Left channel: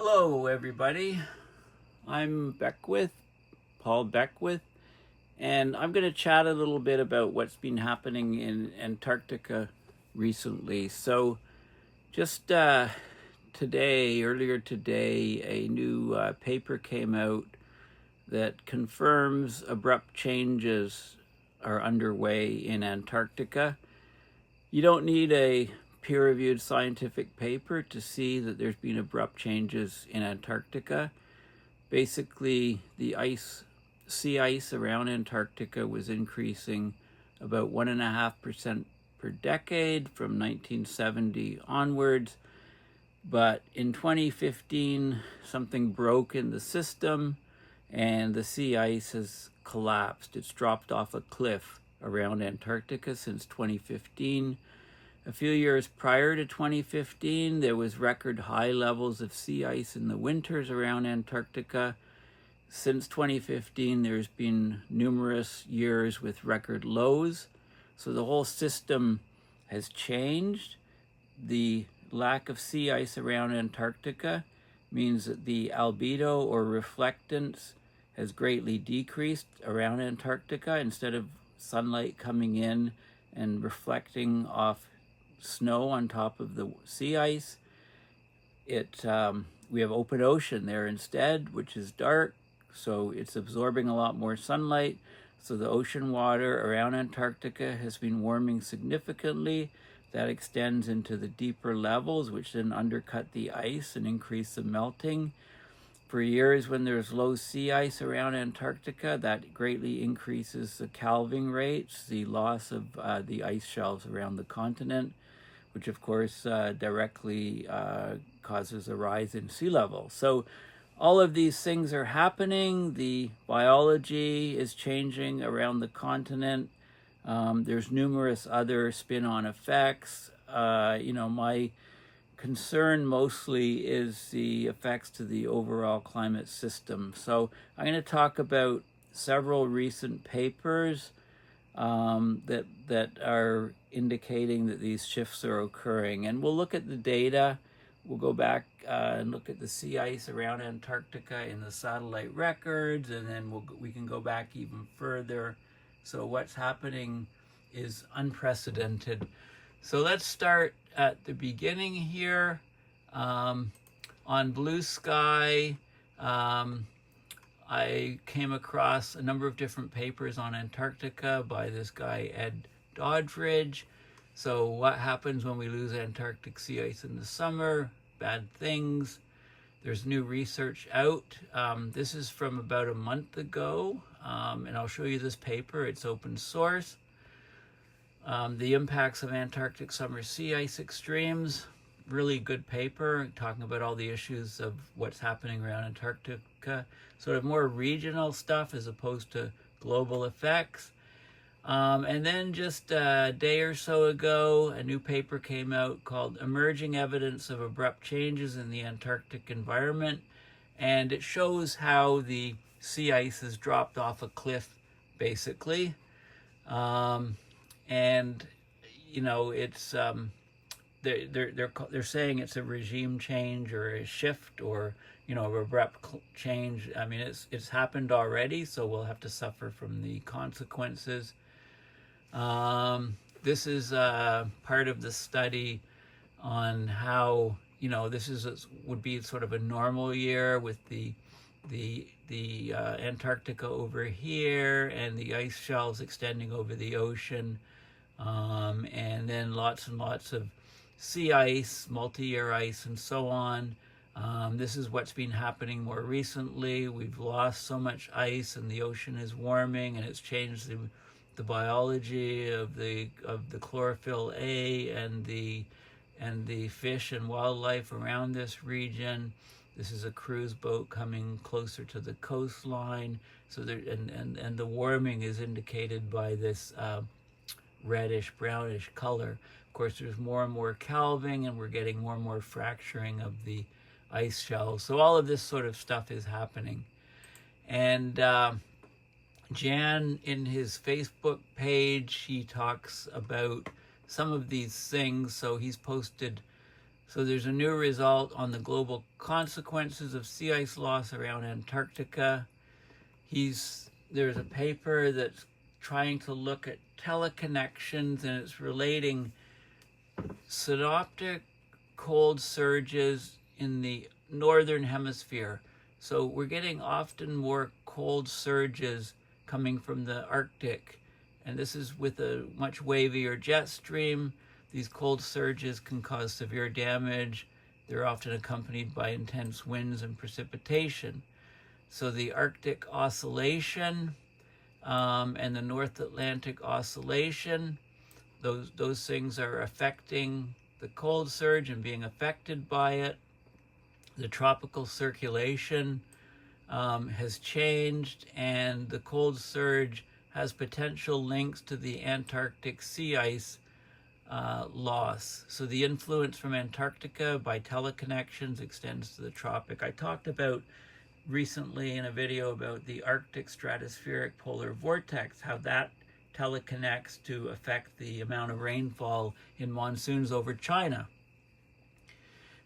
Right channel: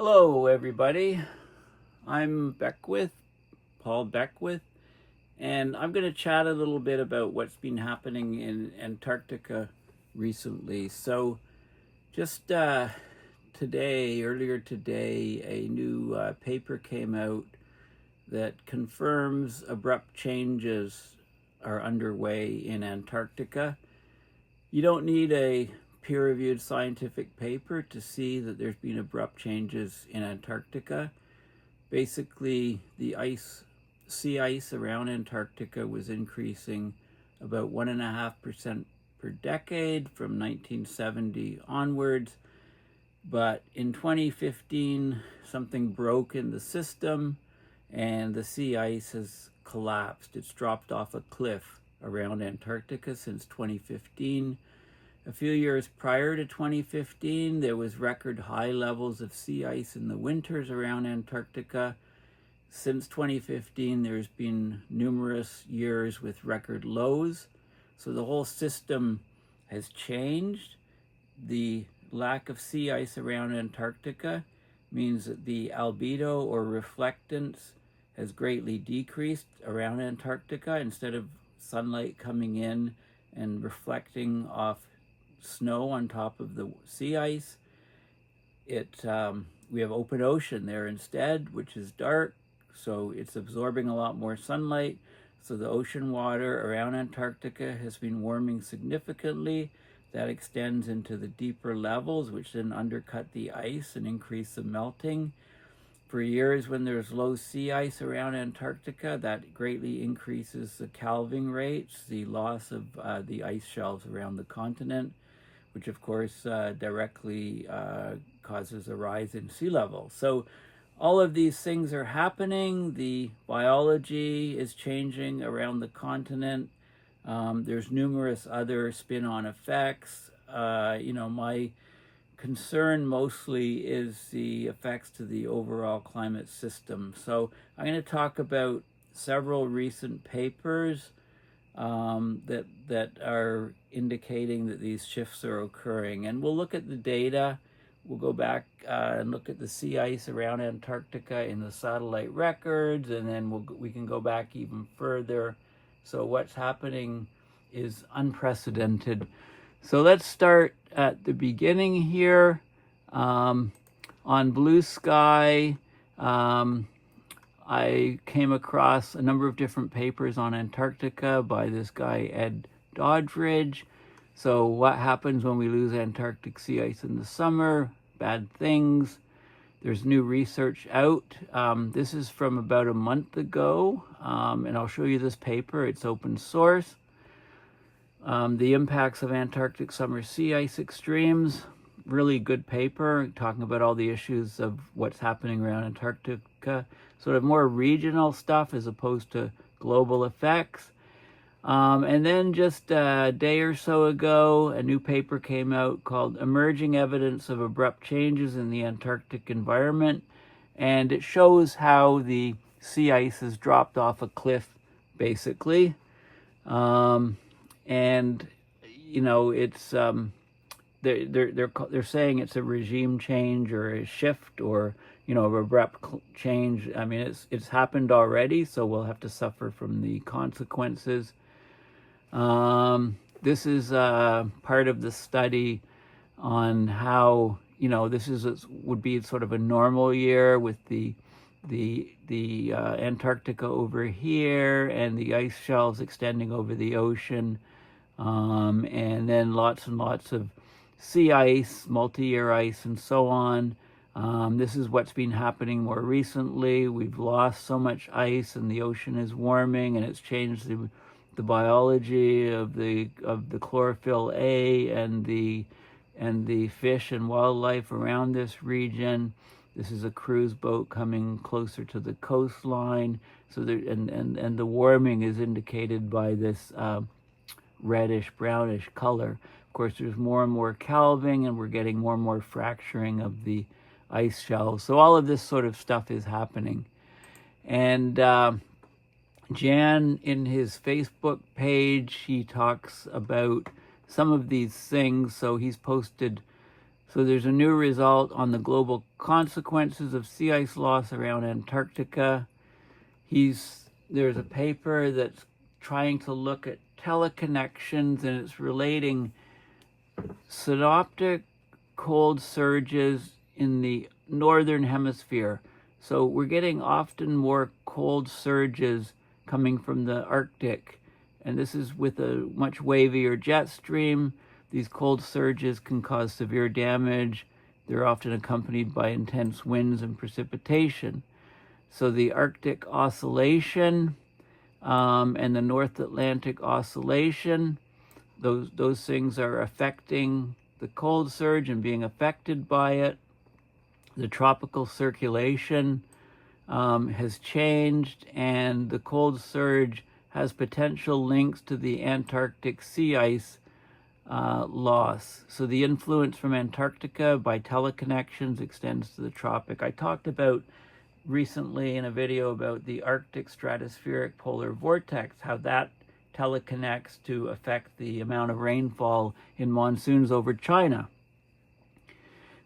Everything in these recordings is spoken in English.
Hello, everybody. I'm Paul Beckwith, and I'm going to chat a little bit about what's been happening in Antarctica recently. So, just earlier today, a new paper came out that confirms abrupt changes are underway in Antarctica. You don't need a peer-reviewed scientific paper to see that there's been abrupt changes in Antarctica. Basically, the sea ice around Antarctica was increasing about 1.5% per decade from 1970 onwards. But in 2015, something broke in the system and the sea ice has collapsed. It's dropped off a cliff around Antarctica since 2015. A few years prior to 2015, there was record high levels of sea ice in the winters around Antarctica. Since 2015, there's been numerous years with record lows. So the whole system has changed. The lack of sea ice around Antarctica means that the albedo or reflectance has greatly decreased around Antarctica. Instead of sunlight coming in and reflecting off snow on top of the sea ice, we have open ocean there instead, which is dark, so it's absorbing a lot more sunlight. So the ocean water around Antarctica has been warming significantly. That extends into the deeper levels, which then undercut the ice and increase the melting. For years when there's low sea ice around Antarctica, that greatly increases the calving rates, the loss of the ice shelves around the continent, which of course directly causes a rise in sea level. So all of these things are happening. The biology is changing around the continent. There's numerous other spin-on effects. My concern mostly is the effects to the overall climate system. So I'm going to talk about several recent papers that are indicating that these shifts are occurring. And we'll look at the data. We'll go back and look at the sea ice around Antarctica in the satellite records, and then we can go back even further. So what's happening is unprecedented. So let's start at the beginning here. On Blue Sky, I came across a number of different papers on Antarctica by this guy, Ed Doddridge. So what happens when we lose Antarctic sea ice in the summer? Bad things. There's new research out. This is from about a month ago, and I'll show you this paper. It's open source. The impacts of Antarctic summer sea ice extremes. Really good paper, talking about all the issues of what's happening around Antarctica. Sort of more regional stuff as opposed to global effects. And then just a day or so ago, a new paper came out called Emerging Evidence of Abrupt Changes in the Antarctic Environment. And it shows how the sea ice has dropped off a cliff, basically. And, it's, they're saying it's a regime change or a shift or, an abrupt change. I mean, it's happened already, so we'll have to suffer from the consequences. This is part of the study on how, would be sort of a normal year with the Antarctica over here and the ice shelves extending over the ocean, and then lots and lots of sea ice, multi-year ice, and so on. This is what's been happening more recently. We've lost so much ice and the ocean is warming, and it's changed the biology of the chlorophyll A and the fish and wildlife around this region. This is a cruise boat coming closer to the coastline. So and the warming is indicated by this reddish brownish color. Of course, there's more and more calving, and we're getting more and more fracturing of the ice shelves. So all of this sort of stuff is happening. And Jan, in his Facebook page, he talks about some of these things. So he's posted So there's a new result on the global consequences of sea ice loss around Antarctica. There's a paper that's trying to look at teleconnections, and it's relating synoptic cold surges in the northern hemisphere. So we're getting often more cold surges coming from the Arctic, and this is with a much wavier jet stream. These cold surges can cause severe damage. They're often accompanied by intense winds and precipitation. So the Arctic Oscillation and the North Atlantic Oscillation, those things are affecting the cold surge and being affected by it. The tropical circulation has changed, and the cold surge has potential links to the Antarctic sea ice loss. So the influence from Antarctica by teleconnections extends to the tropic. I talked about recently in a video about the Arctic stratospheric polar vortex, how that teleconnects to affect the amount of rainfall in monsoons over China.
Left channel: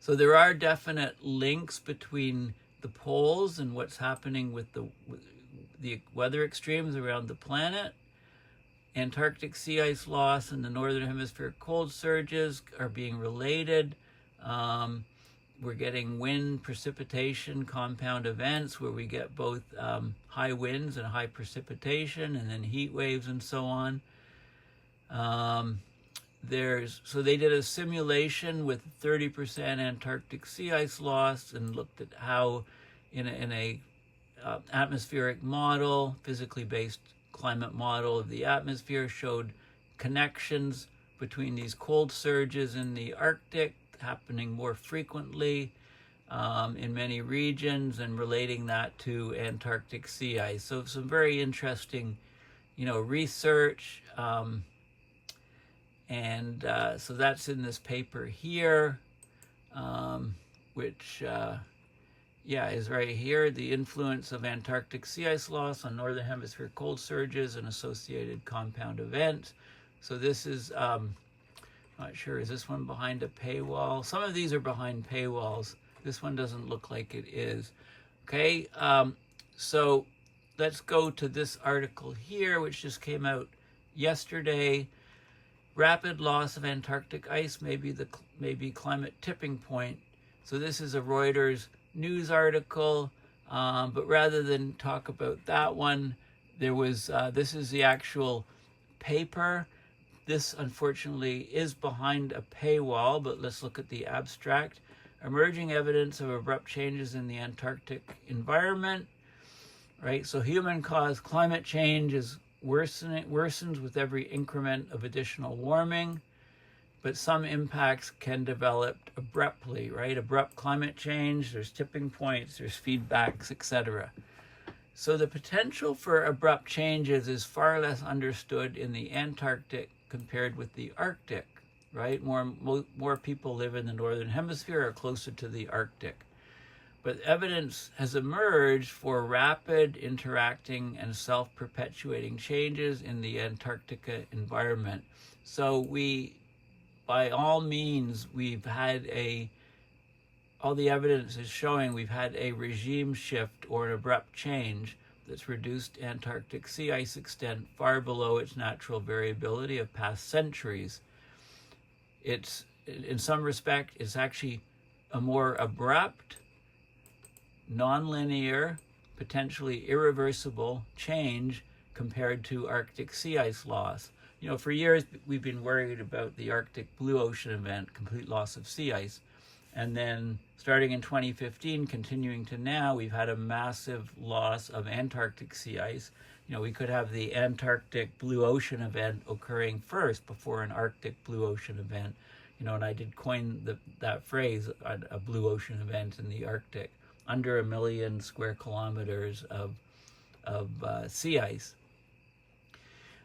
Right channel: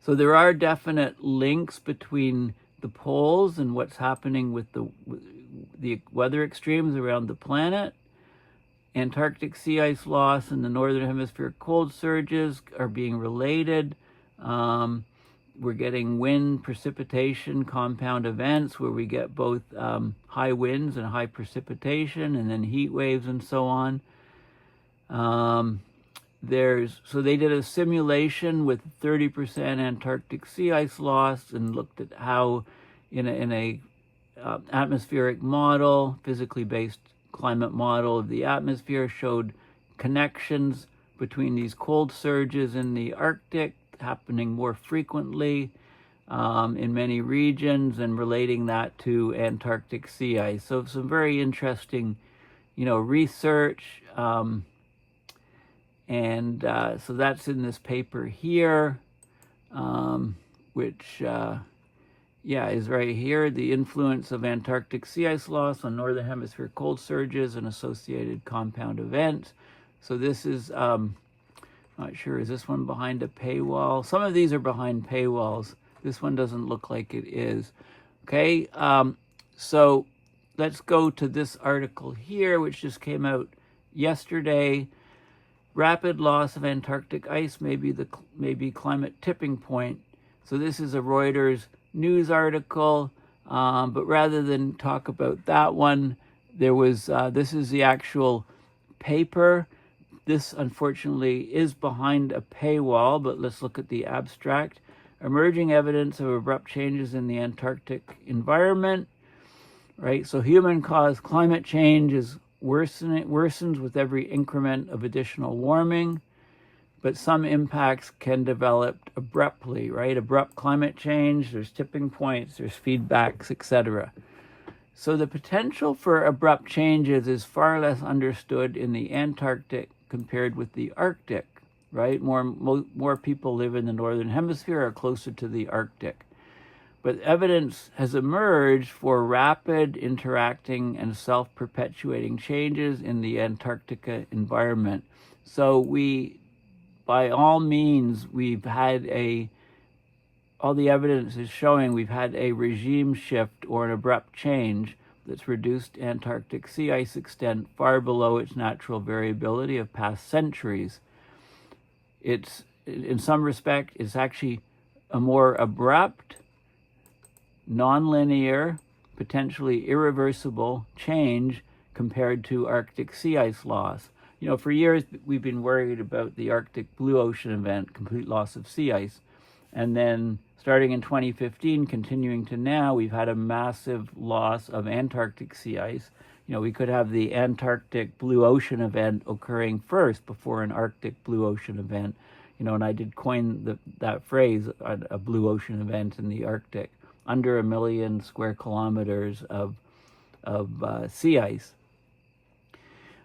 So there are definite links between the poles and what's happening with the weather extremes around the planet. Antarctic sea ice loss and the northern hemisphere cold surges are being related. We're getting wind, precipitation, compound events where we get both high winds and high precipitation, and then heat waves and so on. So they did a simulation with 30% Antarctic sea ice loss and looked at how in a atmospheric model, physically based climate model of the atmosphere, showed connections between these cold surges in the Arctic happening more frequently in many regions, and relating that to Antarctic sea ice. So some very interesting, research. So that's in this paper here, which is right here. The influence of Antarctic sea ice loss on northern hemisphere cold surges and associated compound events. So this is, not sure, is this one behind a paywall? Some of these are behind paywalls. This one doesn't look like it is. Okay, so let's go to this article here, which just came out yesterday. Rapid loss of Antarctic ice may be climate tipping point. So this is a Reuters news article, but rather than talk about that one, this is the actual paper. This, unfortunately, is behind a paywall, but let's look at the abstract. Emerging evidence of abrupt changes in the Antarctic environment, right? So human-caused climate change worsens with every increment of additional warming, but some impacts can develop abruptly, right? Abrupt climate change, there's tipping points, there's feedbacks, etc. So the potential for abrupt changes is far less understood in the Antarctic compared with the Arctic, right? More people live in the northern hemisphere or closer to the Arctic. But evidence has emerged for rapid, interacting, and self-perpetuating changes in the Antarctica environment. So by all means, all the evidence is showing we've had a regime shift or an abrupt change that's reduced Antarctic sea ice extent far below its natural variability of past centuries. In some respect, it's actually a more abrupt, non-linear, potentially irreversible change compared to Arctic sea ice loss. For years, we've been worried about the Arctic blue ocean event, complete loss of sea ice. And then starting in 2015, continuing to now, we've had a massive loss of Antarctic sea ice. We could have the Antarctic blue ocean event occurring first before an Arctic blue ocean event. And I did coin that phrase, a blue ocean event in the Arctic, under 1 million square kilometers of sea ice.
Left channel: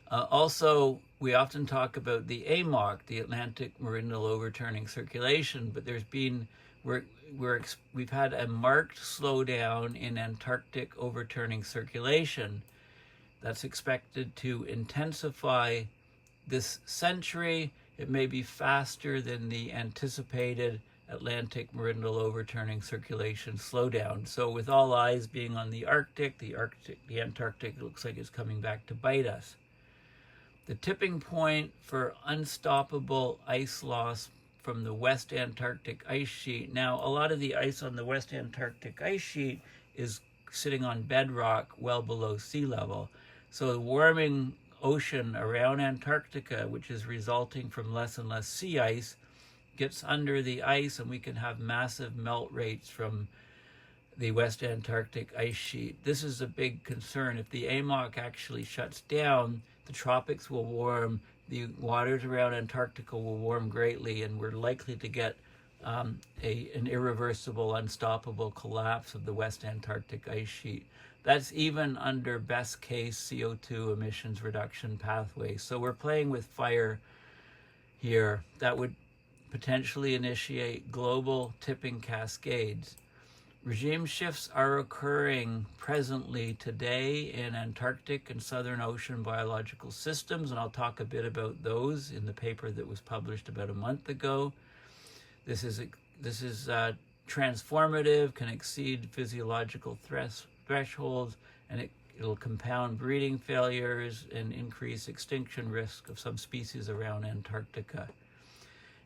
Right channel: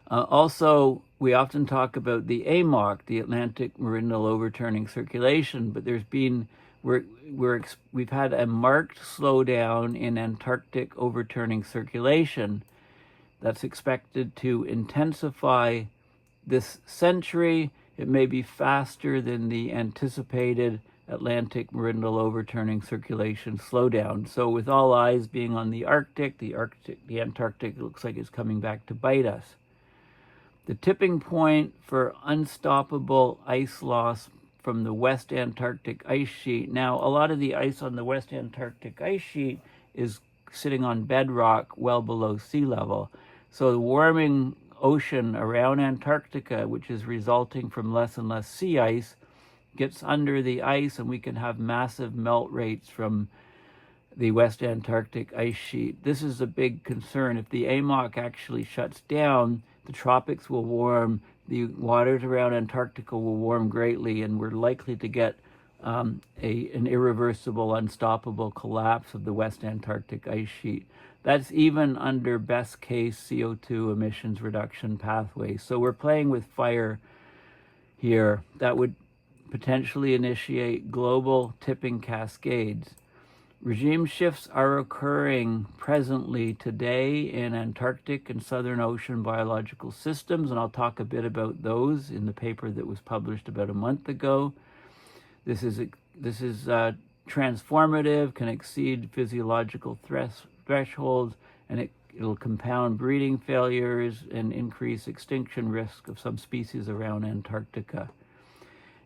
Also, we often talk about the AMOC, the Atlantic Meridional Overturning Circulation, but we've had a marked slowdown in Antarctic overturning circulation that's expected to intensify this century. It may be faster than the anticipated Atlantic Meridional Overturning Circulation slowdown. So with all eyes being on the Arctic, the Antarctic looks like it's coming back to bite us. The tipping point for unstoppable ice loss from the West Antarctic Ice Sheet. Now, a lot of the ice on the West Antarctic Ice Sheet is sitting on bedrock well below sea level. So the warming ocean around Antarctica, which is resulting from less and less sea ice, gets under the ice, and we can have massive melt rates from the West Antarctic Ice Sheet. This is a big concern. If the AMOC actually shuts down, the tropics will warm, the waters around Antarctica will warm greatly, and we're likely to get an irreversible, unstoppable collapse of the West Antarctic Ice Sheet. That's even under best case CO2 emissions reduction pathways. So we're playing with fire here. That would potentially initiate global tipping cascades. Regime shifts are occurring presently today in Antarctic and Southern Ocean biological systems, and I'll talk a bit about those in the paper that was published about a month ago. This is transformative, can exceed physiological thresholds, and it'll compound breeding failures and increase extinction risk of some species around Antarctica.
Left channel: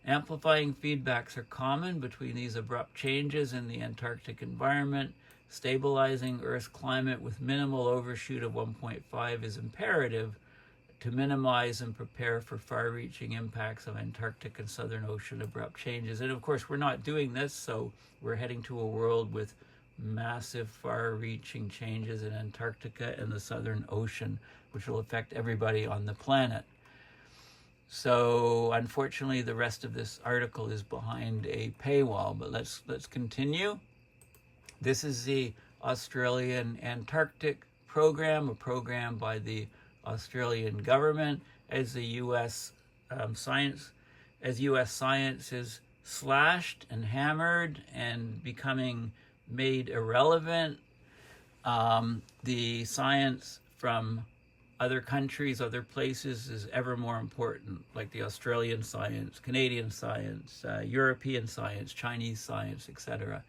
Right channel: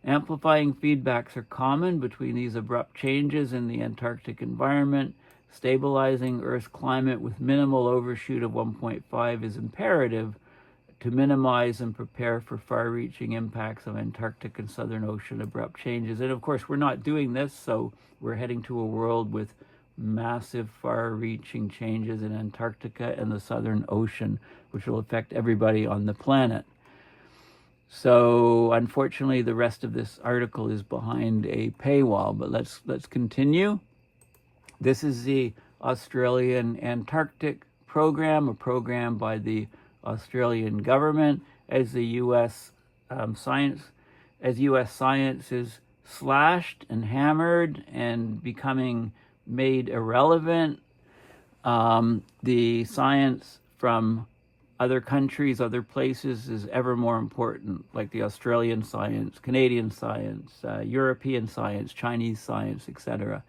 Amplifying feedbacks are common between these abrupt changes in the Antarctic environment. Stabilizing Earth's climate with minimal overshoot of 1.5 is imperative to minimize and prepare for far-reaching impacts of Antarctic and Southern Ocean abrupt changes. And of course, we're not doing this, so we're heading to a world with massive far-reaching changes in Antarctica and the Southern Ocean, which will affect everybody on the planet. So unfortunately, the rest of this article is behind a paywall, but let's continue. This is the Australian Antarctic program, a program by the Australian government as the U.S. science is slashed and hammered and becoming made irrelevant. The science from other countries, other places is ever more important, like the Australian science, Canadian science, European science, Chinese science, etc.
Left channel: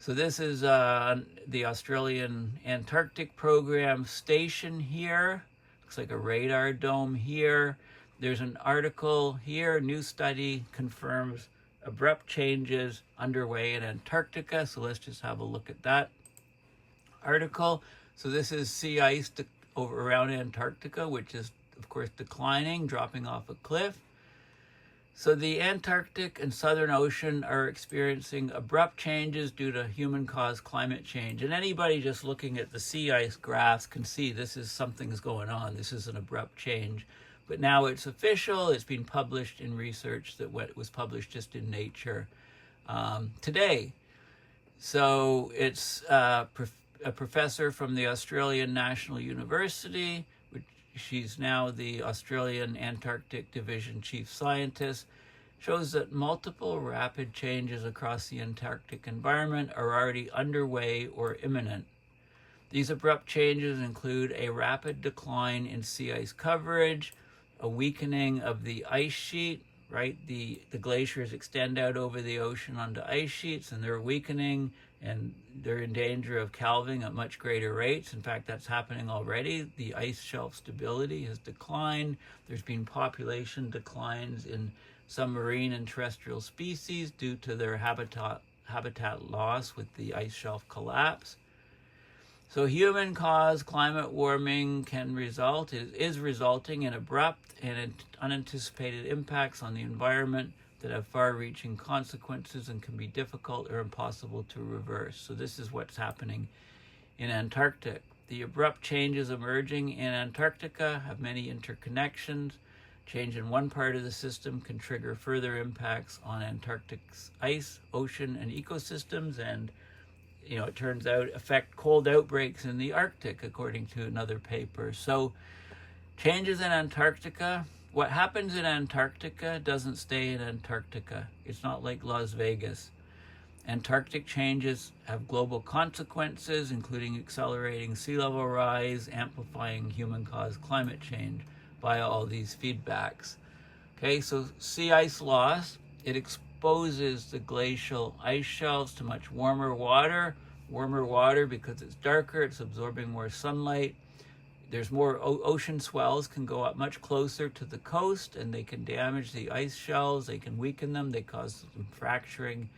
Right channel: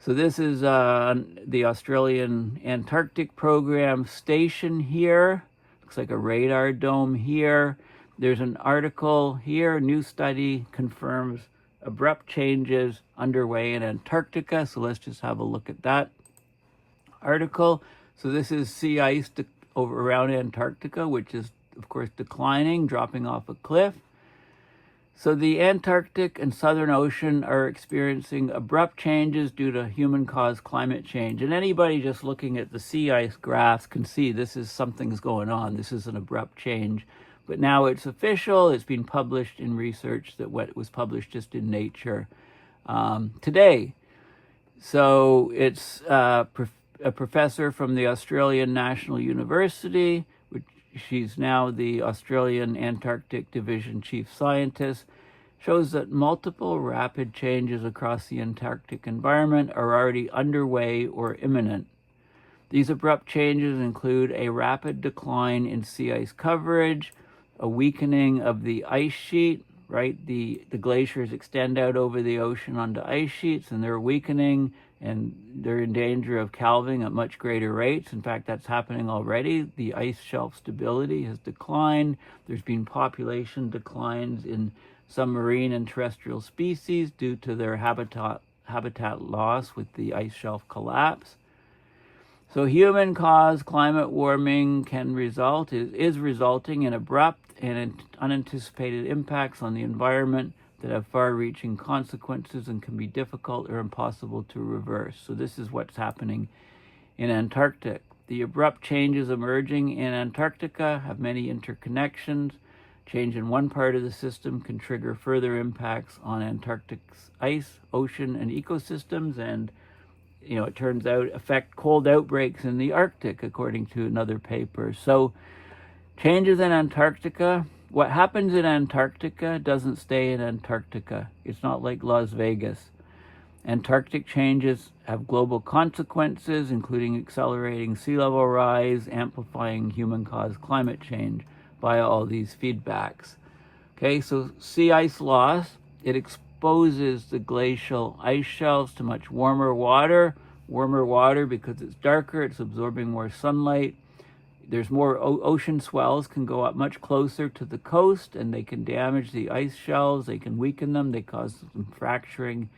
So this is the Australian Antarctic program station here. Looks like a radar dome here. There's an article here, new study confirms abrupt changes underway in Antarctica. So let's just have a look at that article. So this is sea ice over around Antarctica, which is, of course, declining, dropping off a cliff. So the Antarctic and Southern Ocean are experiencing abrupt changes due to human-caused climate change. And anybody just looking at the sea ice graphs can see something's going on. This is an abrupt change. But now it's official. It's been published in research that was published just in Nature today. So it's a professor from the Australian National University, which she's now the Australian Antarctic Division Chief Scientist, shows that multiple rapid changes across the Antarctic environment are already underway or imminent. These abrupt changes include a rapid decline in sea ice coverage, a weakening of the ice sheet, right? The glaciers extend out over the ocean onto ice sheets, and they're weakening, and they're in danger of calving at much greater rates. In fact, that's happening already. The ice shelf stability has declined. There's been population declines in some marine and terrestrial species due to their habitat loss with the ice shelf collapse. So human-caused climate warming is resulting in abrupt and unanticipated impacts on the environment that have far-reaching consequences and can be difficult or impossible to reverse. So this is what's happening in Antarctica. The abrupt changes emerging in Antarctica have many interconnections. Change in one part of the system can trigger further impacts on Antarctic's ice, ocean, and ecosystems, and it turns out affect cold outbreaks in the Arctic, according to another paper. So changes in Antarctica. What happens in Antarctica doesn't stay in Antarctica. It's not like Las Vegas. Antarctic changes have global consequences, including accelerating sea level rise, amplifying human-caused climate change via all these feedbacks. Okay, so sea ice loss, it exposes the glacial ice shelves to much warmer water. Warmer water, because it's darker, it's absorbing more sunlight. There's more ocean swells can go up much closer to the coast, and they can damage the ice shelves, they can weaken them, they cause some fracturing,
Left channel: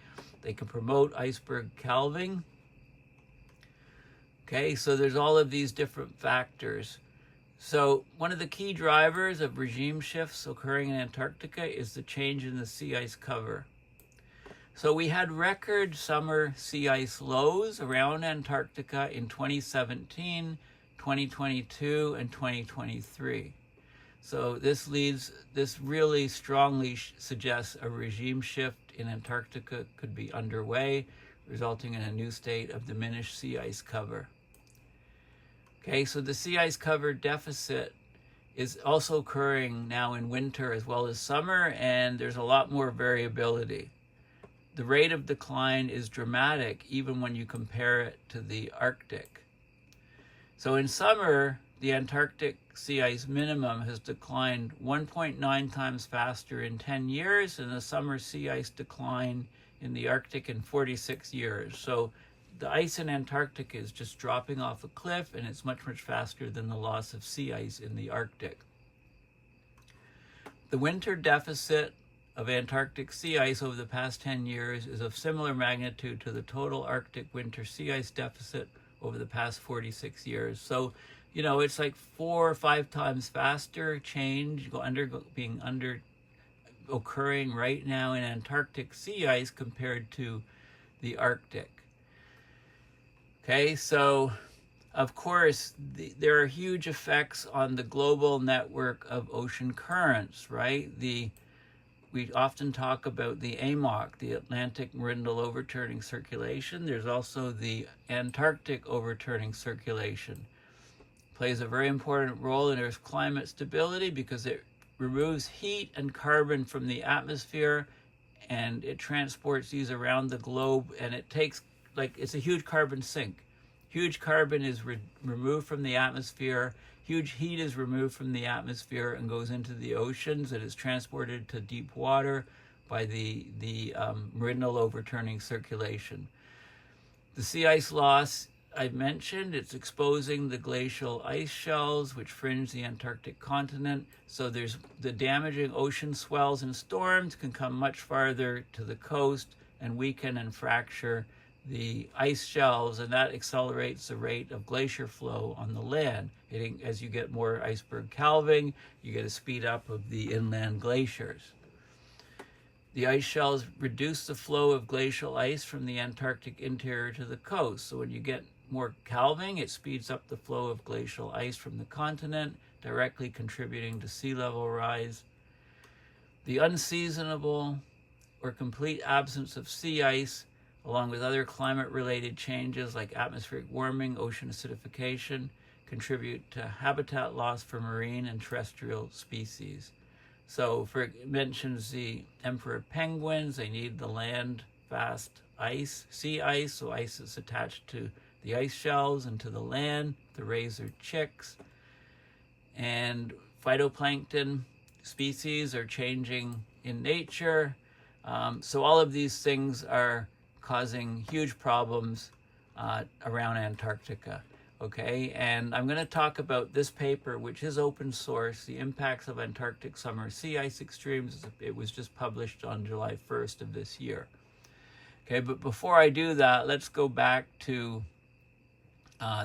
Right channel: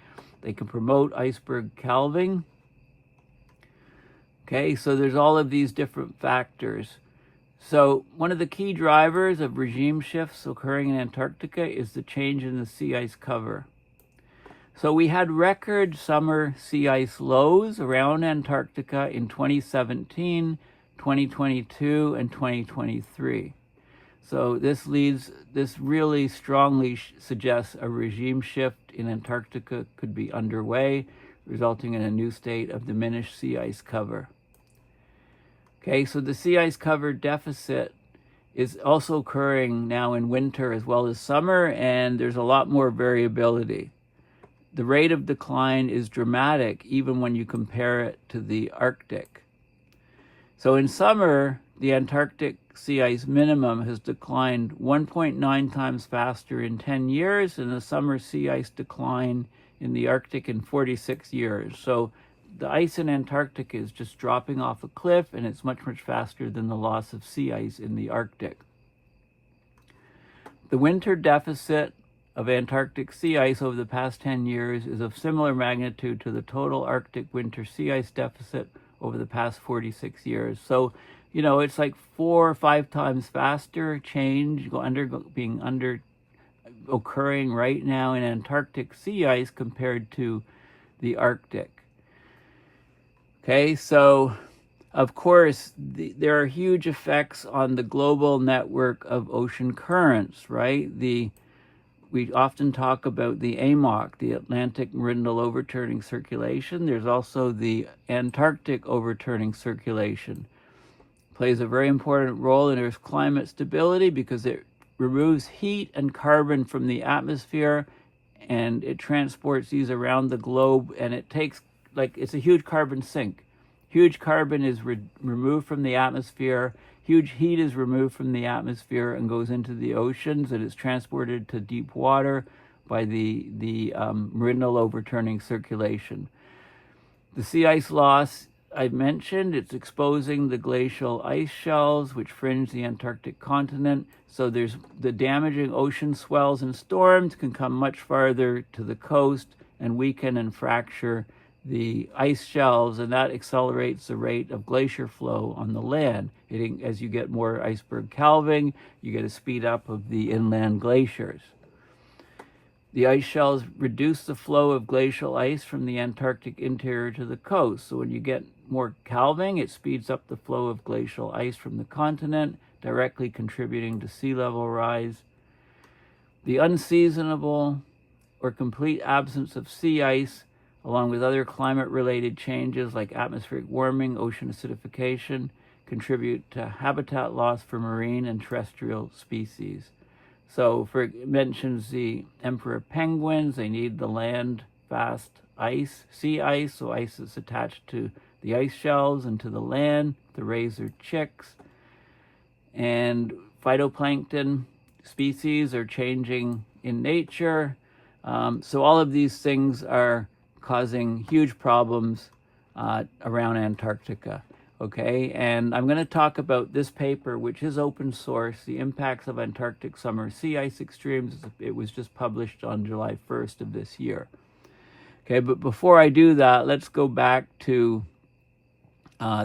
they can promote iceberg calving. Okay, so there's all of these different factors. So one of the key drivers of regime shifts occurring in Antarctica is the change in the sea ice cover. So we had record summer sea ice lows around Antarctica in 2017, 2022, and 2023. So this really strongly suggests a regime shift in Antarctica could be underway, resulting in a new state of diminished sea ice cover. Okay, so the sea ice cover deficit is also occurring now in winter as well as summer, and there's a lot more variability. The rate of decline is dramatic even when you compare it to the Arctic. So in summer, the Antarctic sea ice minimum has declined 1.9 times faster in 10 years than the summer sea ice decline in the Arctic in 46 years. So the ice in Antarctica is just dropping off a cliff, and it's much, much faster than the loss of sea ice in the Arctic. The winter deficit of Antarctic sea ice over the past 10 years is of similar magnitude to the total Arctic winter sea ice deficit over the past 46 years. So, you know, it's like 4 or 5 times faster change occurring right now in Antarctic sea ice compared to the Arctic. Okay, so of course, there are huge effects on the global network of ocean currents, right? We often talk about the AMOC, the Atlantic Meridional Overturning Circulation. There's also the Antarctic Overturning Circulation. It plays a very important role in Earth's climate stability because it removes heat and carbon from the atmosphere, and it transports these around the globe, and it takes, it's a huge carbon sink. Huge carbon is removed from the atmosphere. Huge heat is removed from the atmosphere and goes into the oceans, and is transported to deep water by the Meridional Overturning Circulation. The sea ice loss I mentioned, it's exposing the glacial ice shelves, which fringe the Antarctic continent. So there's the damaging ocean swells and storms can come much farther to the coast and weaken and fracture the ice shelves, and that accelerates the rate of glacier flow on the land. As you get more iceberg calving, you get a speed up of the inland glaciers. The ice shelves reduce the flow of glacial ice from the Antarctic interior to the coast. So when you get more calving, it speeds up the flow of glacial ice from the continent, directly contributing to sea level rise. The unseasonable or complete absence of sea ice, along with other climate-related changes like atmospheric warming, ocean acidification, contribute to habitat loss for marine and terrestrial species. So it mentions the emperor penguins. They need the land-fast ice, sea ice, so ice is attached to the ice shelves and to the land to raise their chicks. And phytoplankton species are changing in nature. So all of these things are causing huge problems around Antarctica, okay? And I'm going to talk about this paper, which is open source, The Impacts of Antarctic Summer Sea Ice Extremes. It was just published on July 1st of this year. Okay, but before I do that, let's go back to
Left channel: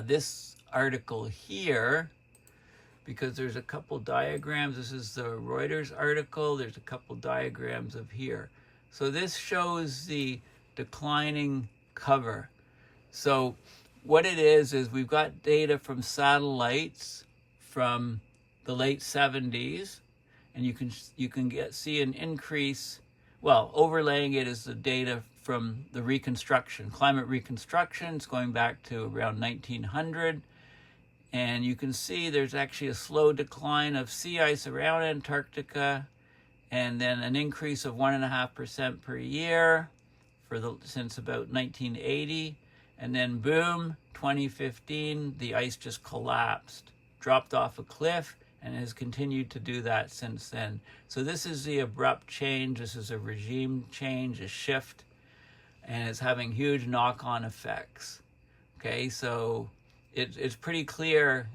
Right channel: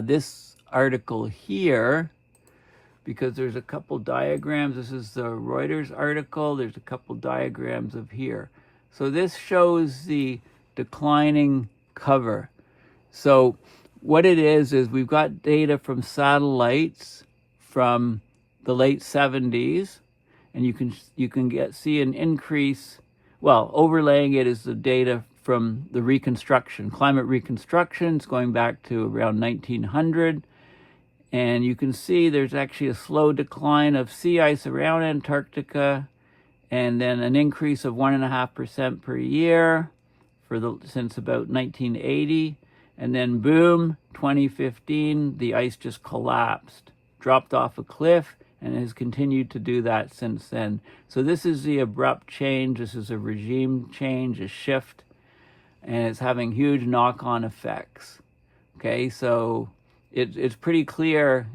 this article here, because there's a couple diagrams. This is the Reuters article. There's a couple diagrams of here. So this shows the declining cover. So what it is we've got data from satellites from the late 70s, and you can see an increase. Well, overlaying it is the data from the reconstruction, climate reconstructions going back to around 1900, and you can see there's actually a slow decline of sea ice around Antarctica, and then an increase of 1.5% per year since about 1980, and then boom, 2015, the ice just collapsed, dropped off a cliff, and has continued to do that since then. So this is the abrupt change. This is a regime change, a shift, and it's having huge knock-on effects. Okay, so it's pretty clear.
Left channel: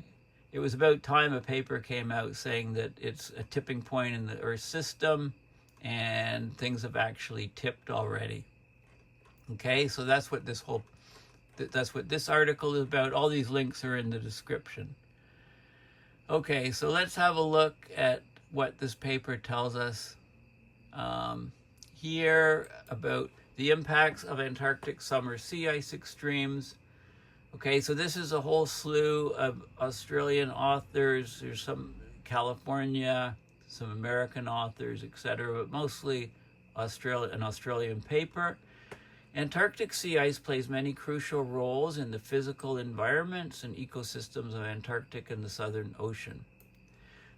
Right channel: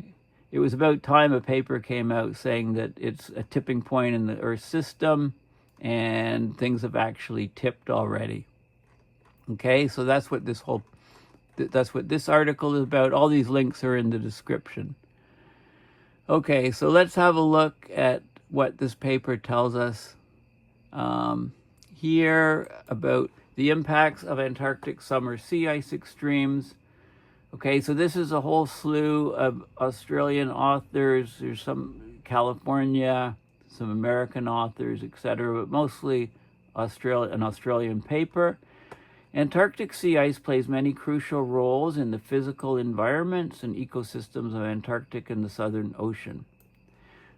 It was about time a paper came out saying that it's a tipping point in the Earth system, and things have actually tipped already. Okay, so that's what this article is about. All these links are in the description. Okay, so let's have a look at what this paper tells us here about the impacts of Antarctic summer sea ice extremes. Okay, so this is a whole slew of Australian authors. There's some California, some American authors, etc., but mostly an Australian paper. Antarctic sea ice plays many crucial roles in the physical environments and ecosystems of Antarctic and the Southern Ocean.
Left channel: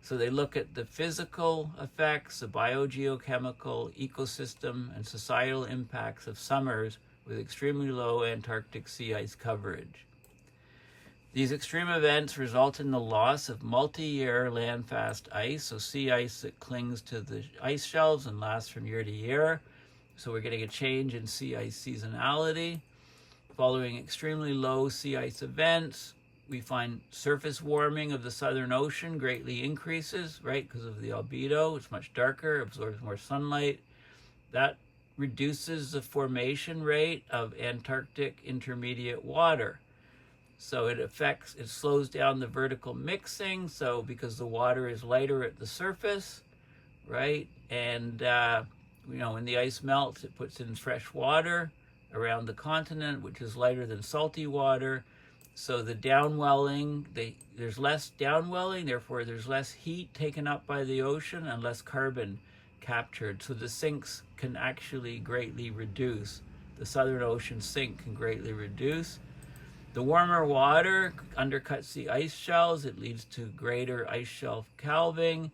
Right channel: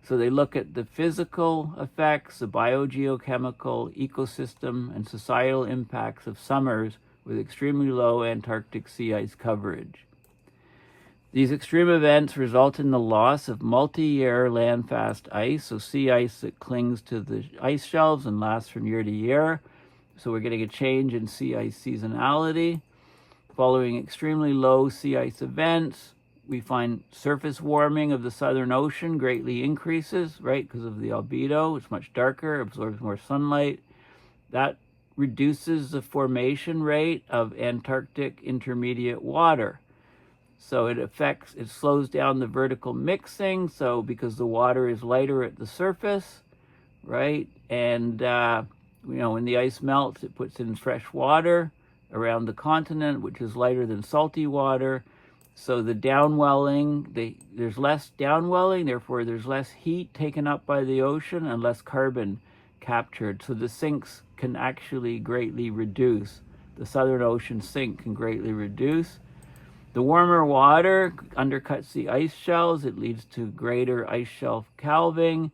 So they look at the physical effects, the biogeochemical, ecosystem, and societal impacts of summers with extremely low Antarctic sea ice coverage. These extreme events result in the loss of multi-year land-fast ice, so sea ice that clings to the ice shelves and lasts from year to year. So we're getting a change in sea ice seasonality. Following extremely low sea ice events, we find surface warming of the Southern Ocean greatly increases, right, because of the albedo. It's much darker, absorbs more sunlight. That reduces the formation rate of Antarctic intermediate water. So it slows down the vertical mixing, so because the water is lighter at the surface, right? And when the ice melts, it puts in fresh water around the continent, which is lighter than salty water. So the downwelling, there's less downwelling, therefore there's less heat taken up by the ocean and less carbon captured. So the sinks can actually greatly reduce. The Southern Ocean sink can greatly reduce. The warmer water undercuts the ice shelves. It leads to greater ice shelf calving.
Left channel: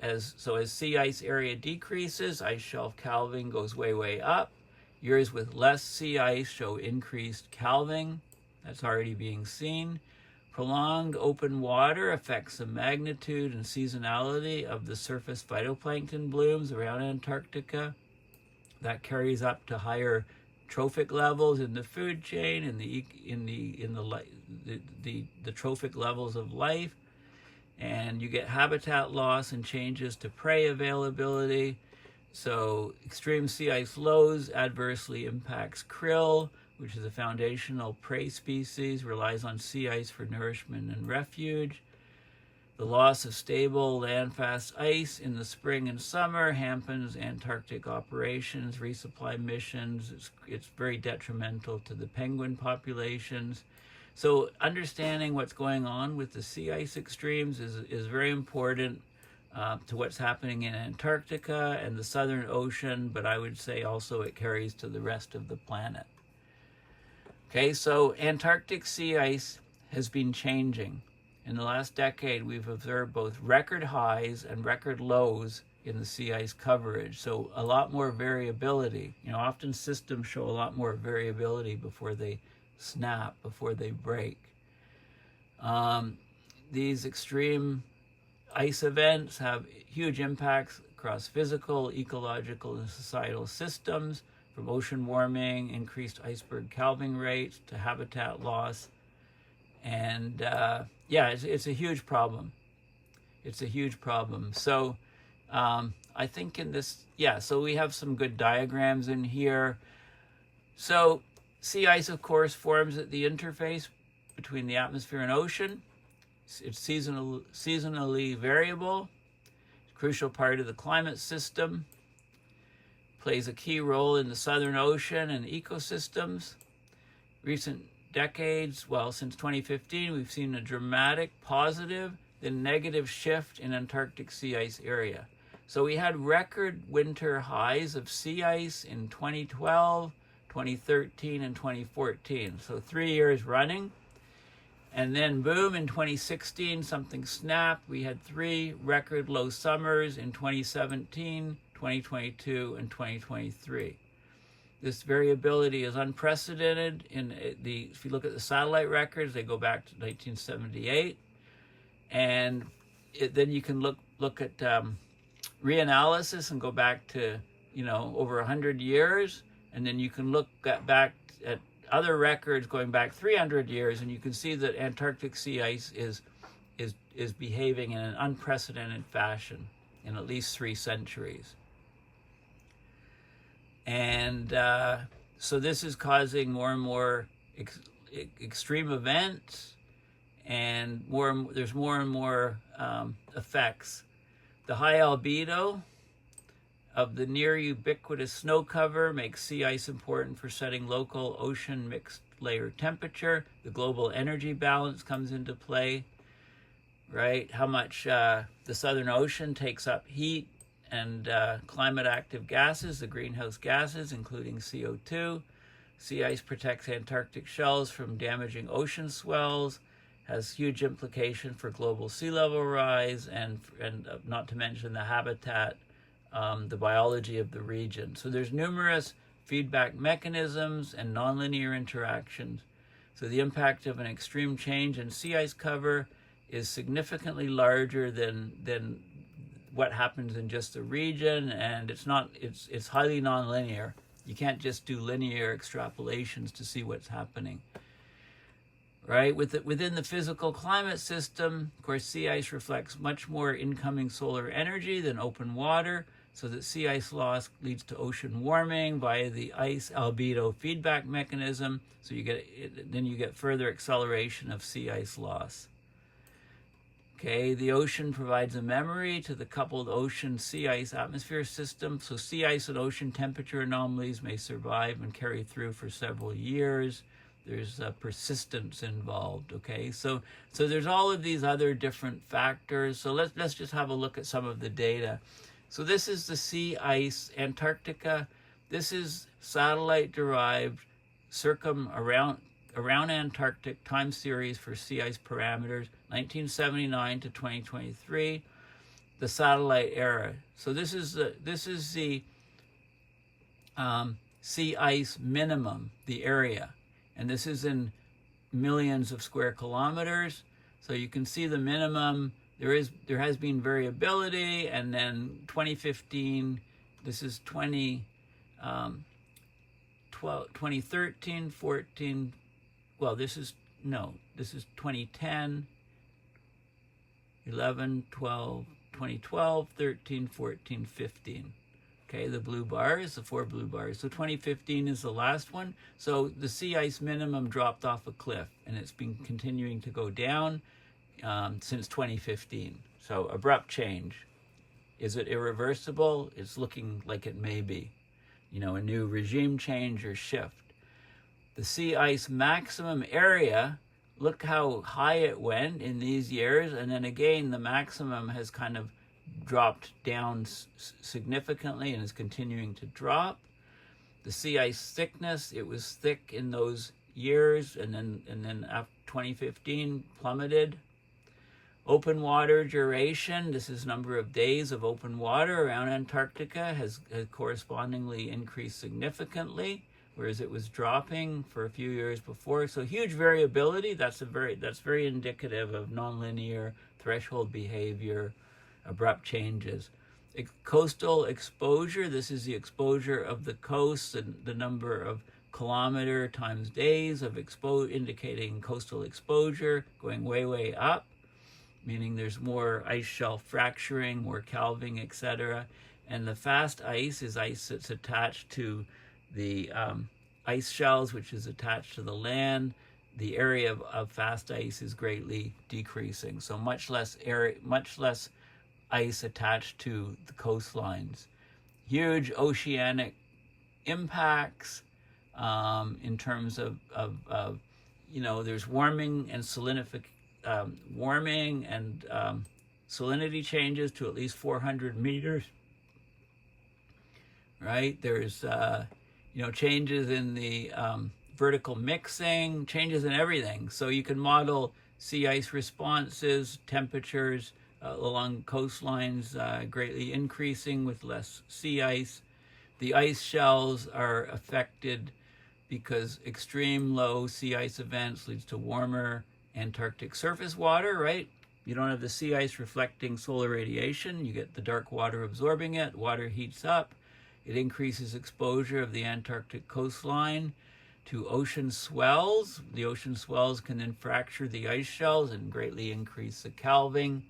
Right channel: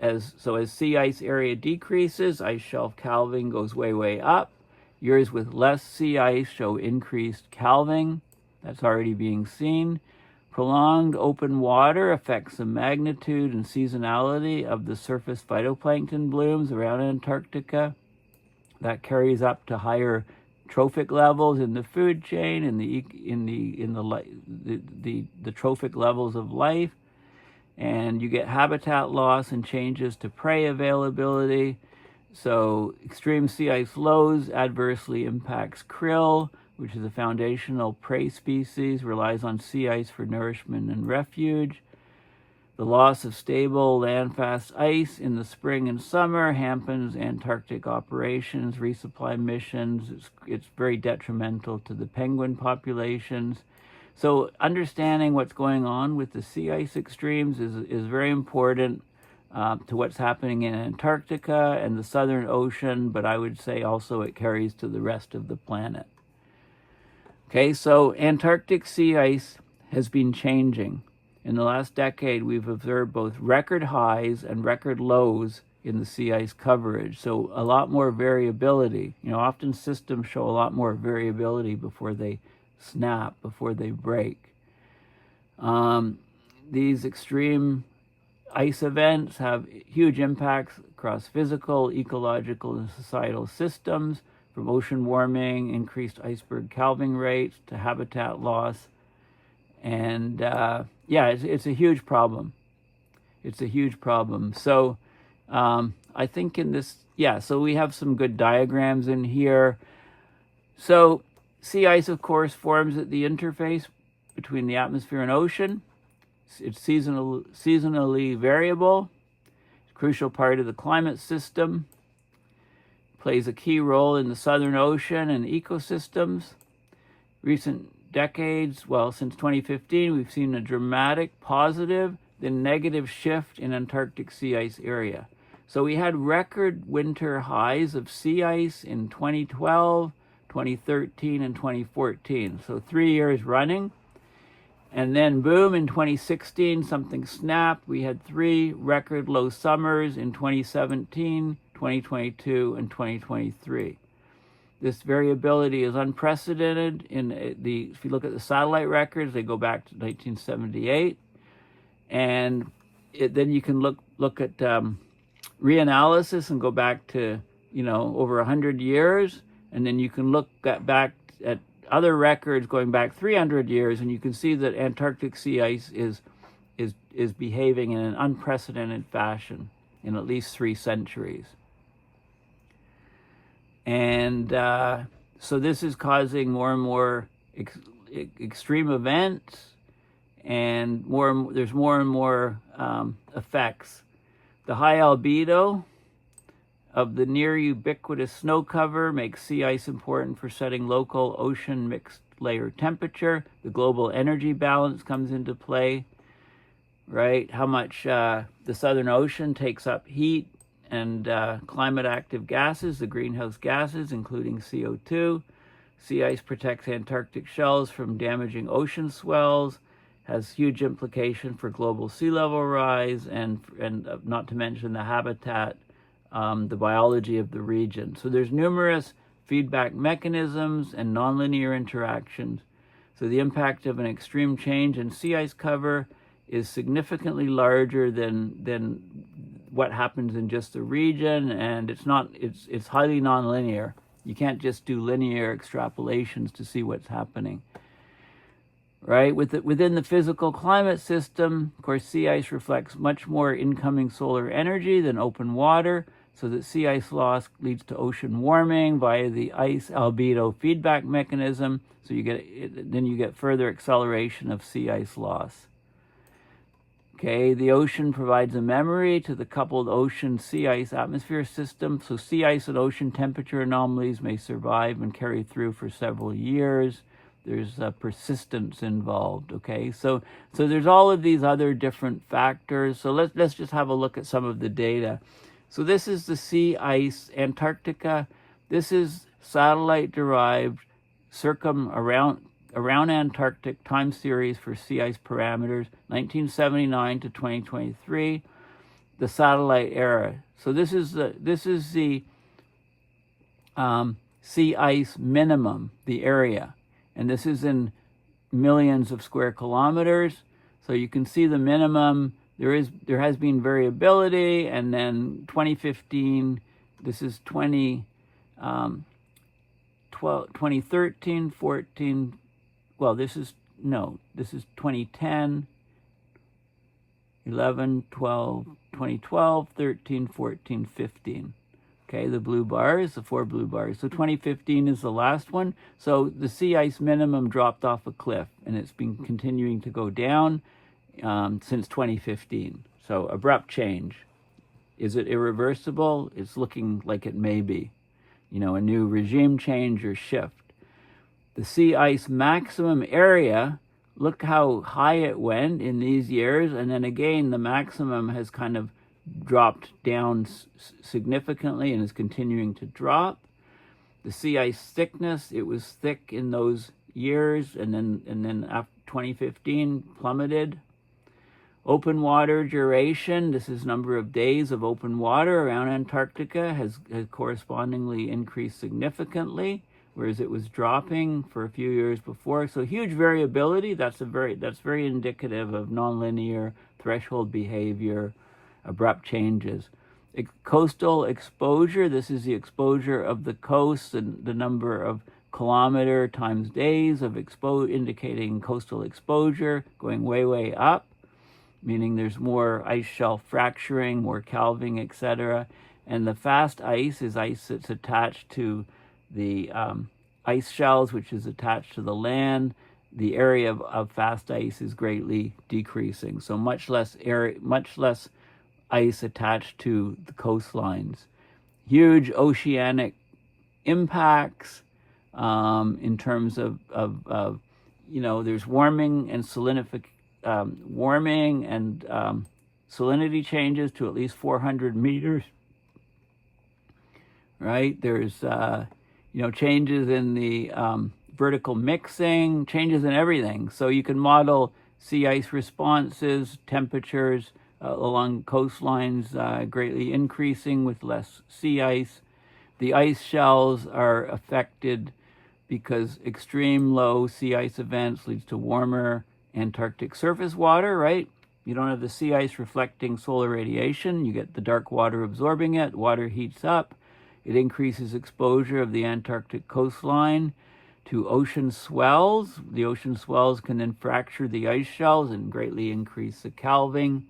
As sea ice area decreases, ice shelf calving goes way up. Years with less sea ice show increased calving. That's already being seen. Prolonged open water affects the magnitude and seasonality of the surface phytoplankton blooms around Antarctica. That carries up to higher trophic levels in the food chain and the trophic levels of life. And you get habitat loss and changes to prey availability. So extreme sea ice lows adversely impacts krill, which is a foundational prey species, relies on sea ice for nourishment and refuge. The loss of stable land-fast ice in the spring and summer hampers Antarctic operations, resupply missions. It's very detrimental to the penguin populations. So understanding what's going on with the sea ice extremes is very important to what's happening in Antarctica and the Southern Ocean, but I would say also it carries to the rest of the planet. Okay, so Antarctic sea ice has been changing. In the last decade, we've observed both record highs and record lows in the sea ice coverage, so a lot more variability. Often systems show a lot more variability before they snap, before they break. These extreme ice events have huge impacts across physical, ecological, and societal systems, from ocean warming, increased iceberg calving rates, to habitat loss. And it's a huge problem. It's a huge problem. So I think in this, so we have some good diagrams in here. So sea ice, of course, forms at the interface between the atmosphere and ocean. It's seasonally variable. It's a crucial part of the climate system. Plays a key role in the Southern Ocean and ecosystems. Recent decades, since 2015, we've seen a dramatic positive, then negative shift in Antarctic sea ice area. So we had record winter highs of sea ice in 2012, 2013, and 2014. So 3 years running. And then boom, in 2016, something snapped. We had 3 record low summers in 2017, 2022, and 2023. This variability is unprecedented. If you look at the satellite records, they go back to 1978. And then you can look at reanalysis and go back to, you know, over 100 years, and then you can look back at other records going back 300 years, and you can see that Antarctic sea ice is behaving in an unprecedented fashion in at least 3 centuries. And so this is causing more and more extreme events, and there's more and more effects. The high albedo of the near ubiquitous snow cover makes sea ice important for setting local ocean mixed layer temperature. The global energy balance comes into play, right? How much the Southern Ocean takes up heat and climate active gases, the greenhouse gases, including CO2. Sea ice protects Antarctic shells from damaging ocean swells, has huge implication for global sea level rise, and not to mention the habitat, the biology of the region. So there's numerous feedback mechanisms and nonlinear interactions. So the impact of an extreme change in sea ice cover is significantly larger than what happens in just the region, and it's highly nonlinear. You can't just do linear extrapolations to see what's happening. Right? Within the physical climate system, of course, sea ice reflects much more incoming solar energy than open water, so that sea ice loss leads to ocean warming via the ice albedo feedback mechanism. So then you get further acceleration of sea ice loss. Okay, the ocean provides a memory to the coupled ocean sea ice atmosphere system. So sea ice and ocean temperature anomalies may survive and carry through for several years. There's persistence involved. Okay, so there's all of these other different factors. So let's just have a look at some of the data. So this is the sea ice Antarctica. This is satellite derived around Antarctic time series for sea ice parameters, 1979 to 2023, the satellite era. So this is the sea ice minimum, the area, and this is in millions of square kilometers. So you can see the minimum. There has been variability, and then 2015. This is 2013, 14. Well, this is 2010, 11, 12, 2012, 13, 14, 15. Okay, the blue bars, the 4 blue bars. So 2015 is the last one. So the sea ice minimum dropped off a cliff, and it's been continuing to go down since 2015. So abrupt change. Is it irreversible? It's looking like it may be. You know, a new regime change or shift. The sea ice maximum area, look how high it went in these years, and then again the maximum has kind of dropped down significantly and is continuing to drop. The sea ice thickness, it was thick in those years, and then after 2015 plummeted. Open water duration, this is number of days of open water around Antarctica, has correspondingly increased significantly, whereas it was dropping for a few years before. So huge variability. That's very indicative of nonlinear threshold behavior, abrupt changes. Coastal exposure. This is the exposure of the coast and the number of kilometer times days of indicating coastal exposure going way up, meaning there's more ice shelf fracturing, more calving, etc. And the fast ice is ice that's attached to the ice shells, which is attached to the land. The area of fast ice is greatly decreasing. So much less ice attached to the coastlines. Huge oceanic impacts in terms of there's warming and salinity changes to at least 400 meters. Right? There's changes in the vertical mixing, changes in everything. So you can model sea ice responses, temperatures along coastlines greatly increasing with less sea ice. The ice shells are affected because extreme low sea ice events leads to warmer Antarctic surface water, right? You don't have the sea ice reflecting solar radiation. You get the dark water absorbing it. Water heats up. It increases exposure of the Antarctic coastline to ocean swells. The ocean swells can then fracture the ice shelves and greatly increase the calving,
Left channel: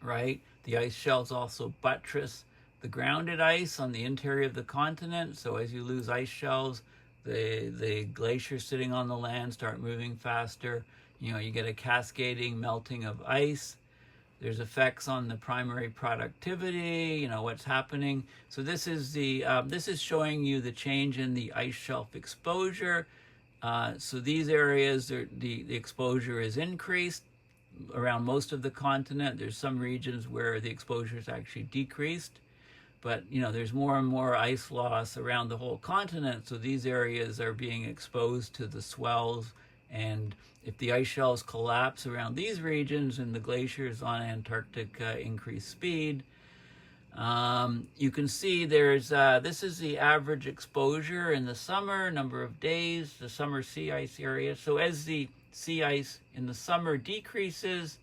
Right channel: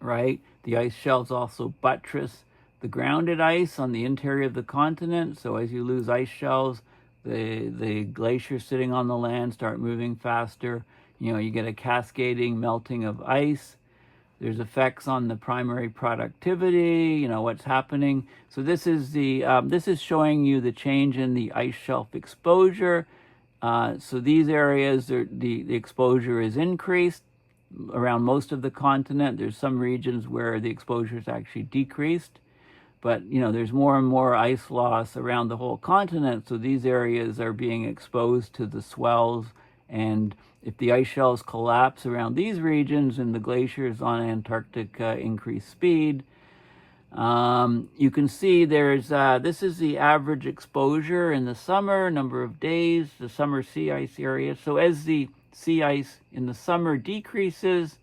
right? The ice shelves also buttress the grounded ice on the interior of the continent. So as you lose ice shelves, the glaciers sitting on the land start moving faster. You get a cascading melting of ice. There's effects on the primary productivity, what's happening. So this is this is showing you the change in the ice shelf exposure. So these areas, the exposure is increased around most of the continent. There's some regions where the exposure is actually decreased. But, there's more and more ice loss around the whole continent. So these areas are being exposed to the swells. And if the ice shelves collapse around these regions and the glaciers on Antarctica increase speed, you can see this is the average exposure in the summer, number of days, the summer sea ice area. So as the sea ice in the summer decreases,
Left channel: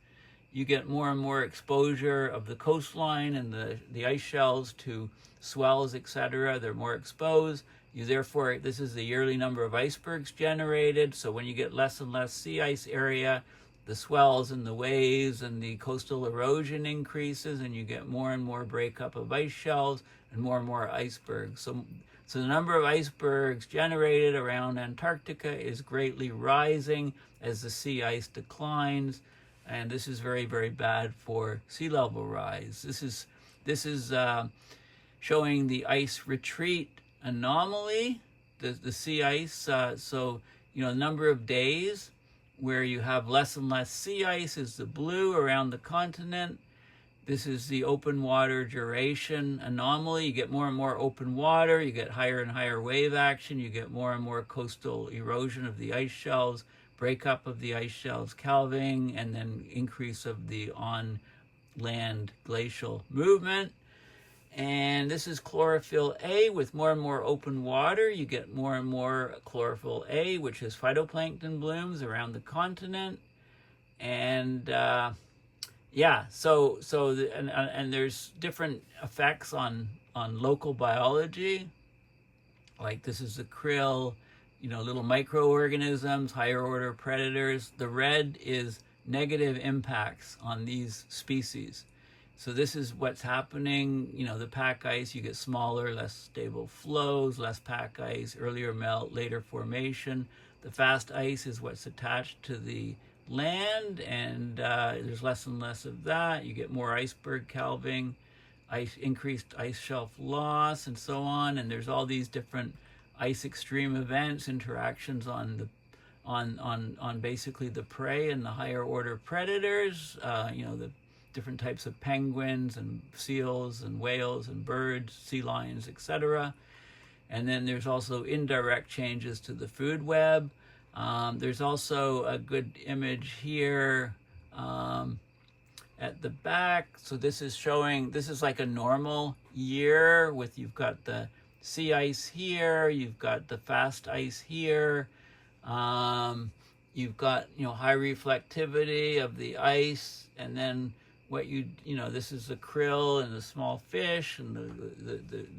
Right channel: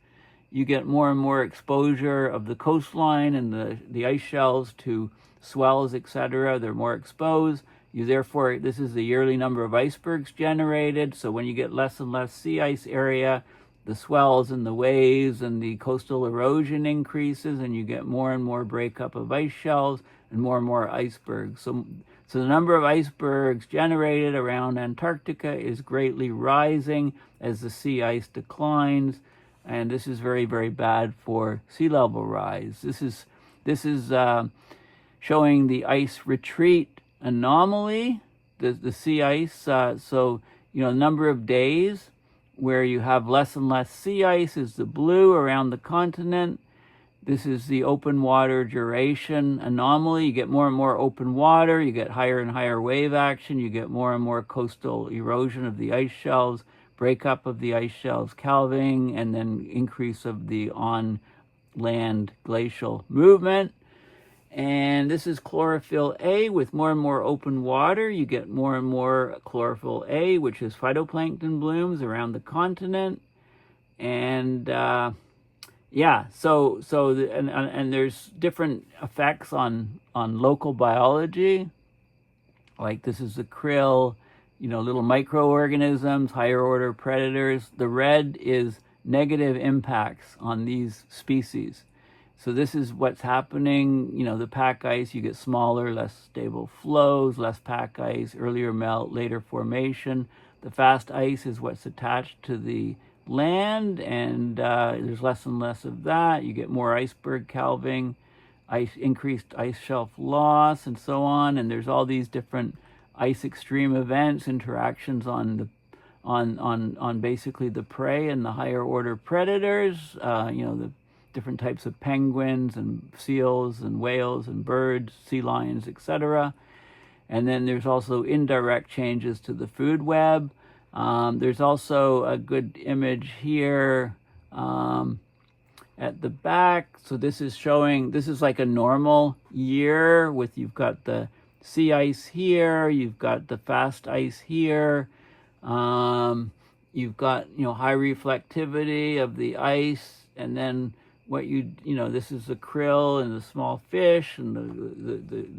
you get more and more exposure of the coastline and the ice shelves to swells, etc. They're more exposed. Therefore, this is the yearly number of icebergs generated. So when you get less and less sea ice area, the swells and the waves and the coastal erosion increases, and you get more and more breakup of ice shelves and more icebergs. So the number of icebergs generated around Antarctica is greatly rising as the sea ice declines. And this is very, very bad for sea level rise. This is showing the ice retreat anomaly, the sea ice. So, number of days where you have less and less sea ice is the blue around the continent. This is the open water duration anomaly. You get more and more open water. You get higher and higher wave action. You get more and more coastal erosion of the ice shelves, breakup of the ice shelves, calving, and then increase of the on-land glacial movement. And this is chlorophyll A with more and more open water. You get more and more chlorophyll A, which is phytoplankton blooms around the continent. And and there's different effects on local biology. Like this is the krill, little microorganisms, higher order predators. The red is negative impacts on these species. So this is what's happening. The pack ice, you get smaller, less stable flows, less pack ice, earlier melt, later formation. The fast ice is what's attached to the land, and there's less and less of that. You get more iceberg calving, increased ice shelf loss, and so on. And there's all these different ice extreme events, interactions on basically the prey and the higher order predators, the different types of penguins and seals and whales and birds, sea lions, etc. And then there's also indirect changes to the food web. There's also a good image here at the back. So this is like a normal year with, you've got the sea ice here, you've got the fast ice here, you've got high reflectivity of the ice, and then this is the krill and the small fish and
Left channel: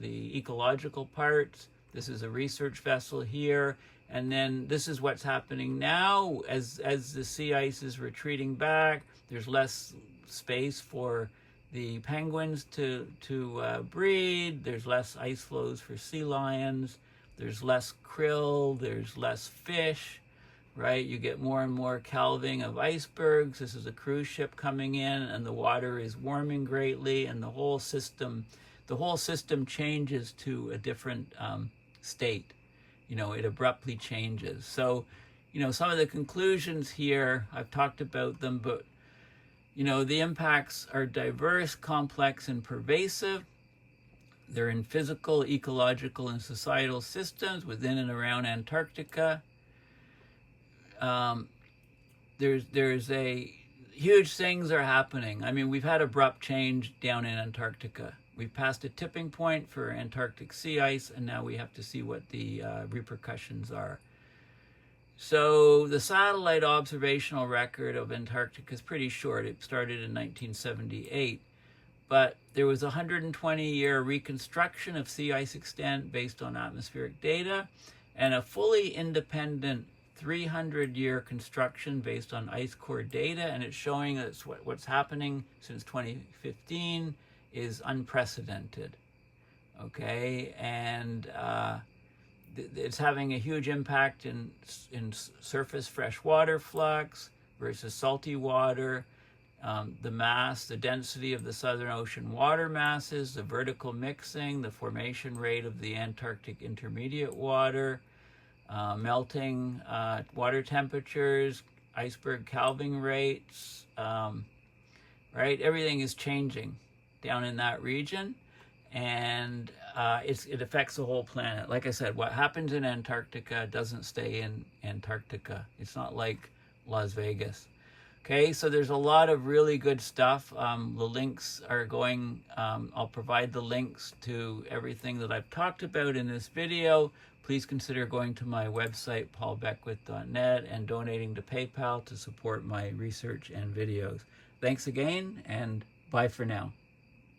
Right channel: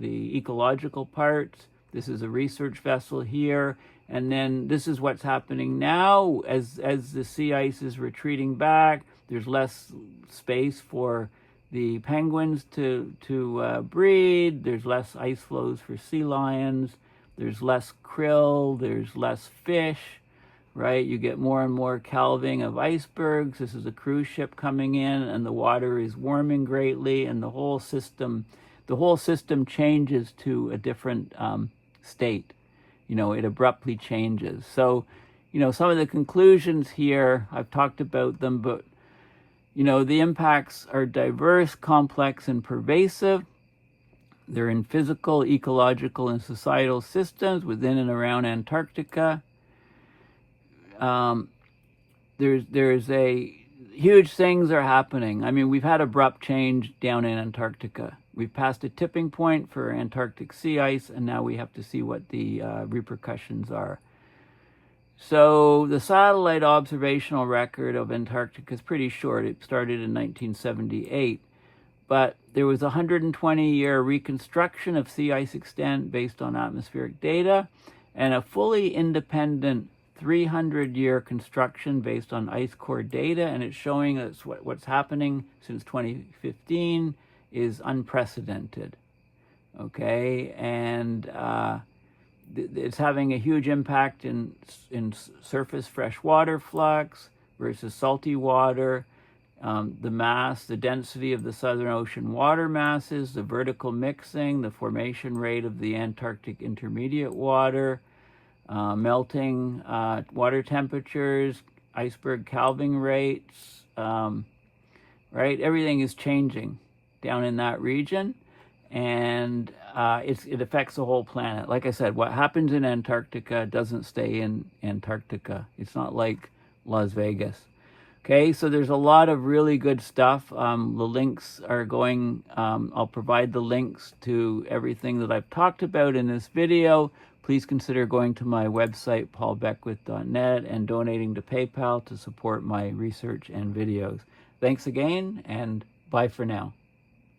the ecological parts. This is a research vessel here, and then this is what's happening now as the sea ice is retreating back. There's less space for the penguins to breed. There's less ice flows for sea lions. There's less krill. There's less fish, right? You get more and more calving of icebergs. This is a cruise ship coming in, and the water is warming greatly, and the whole system changes to a different state. It abruptly changes. So, some of the conclusions here, I've talked about them, but the impacts are diverse, complex, and pervasive. They're in physical, ecological, and societal systems within and around Antarctica. There's a huge things are happening. I mean, we've had abrupt change down in Antarctica. We've passed a tipping point for Antarctic sea ice, and now we have to see what the repercussions are. So the satellite observational record of Antarctica is pretty short. It started in 1978, but there was a 120-year reconstruction of sea ice extent based on atmospheric data, and a fully independent 300-year construction based on ice core data, and it's showing us what's happening since 2015 is unprecedented. Okay, and it's having a huge impact in surface freshwater flux versus salty water, the density of the Southern Ocean water masses, the vertical mixing, the formation rate of the Antarctic intermediate water, melting water temperatures, iceberg calving rates, right? Everything is changing down in that region, and it affects the whole planet. Like I said, what happens in Antarctica doesn't stay in Antarctica. It's not like Las Vegas. Okay, so there's a lot of really good stuff. The links are going, I'll provide the links to everything that I've talked about in this video. Please consider going to my website, paulbeckwith.net, and donating to PayPal to support my research and videos. Thanks again, and bye for now.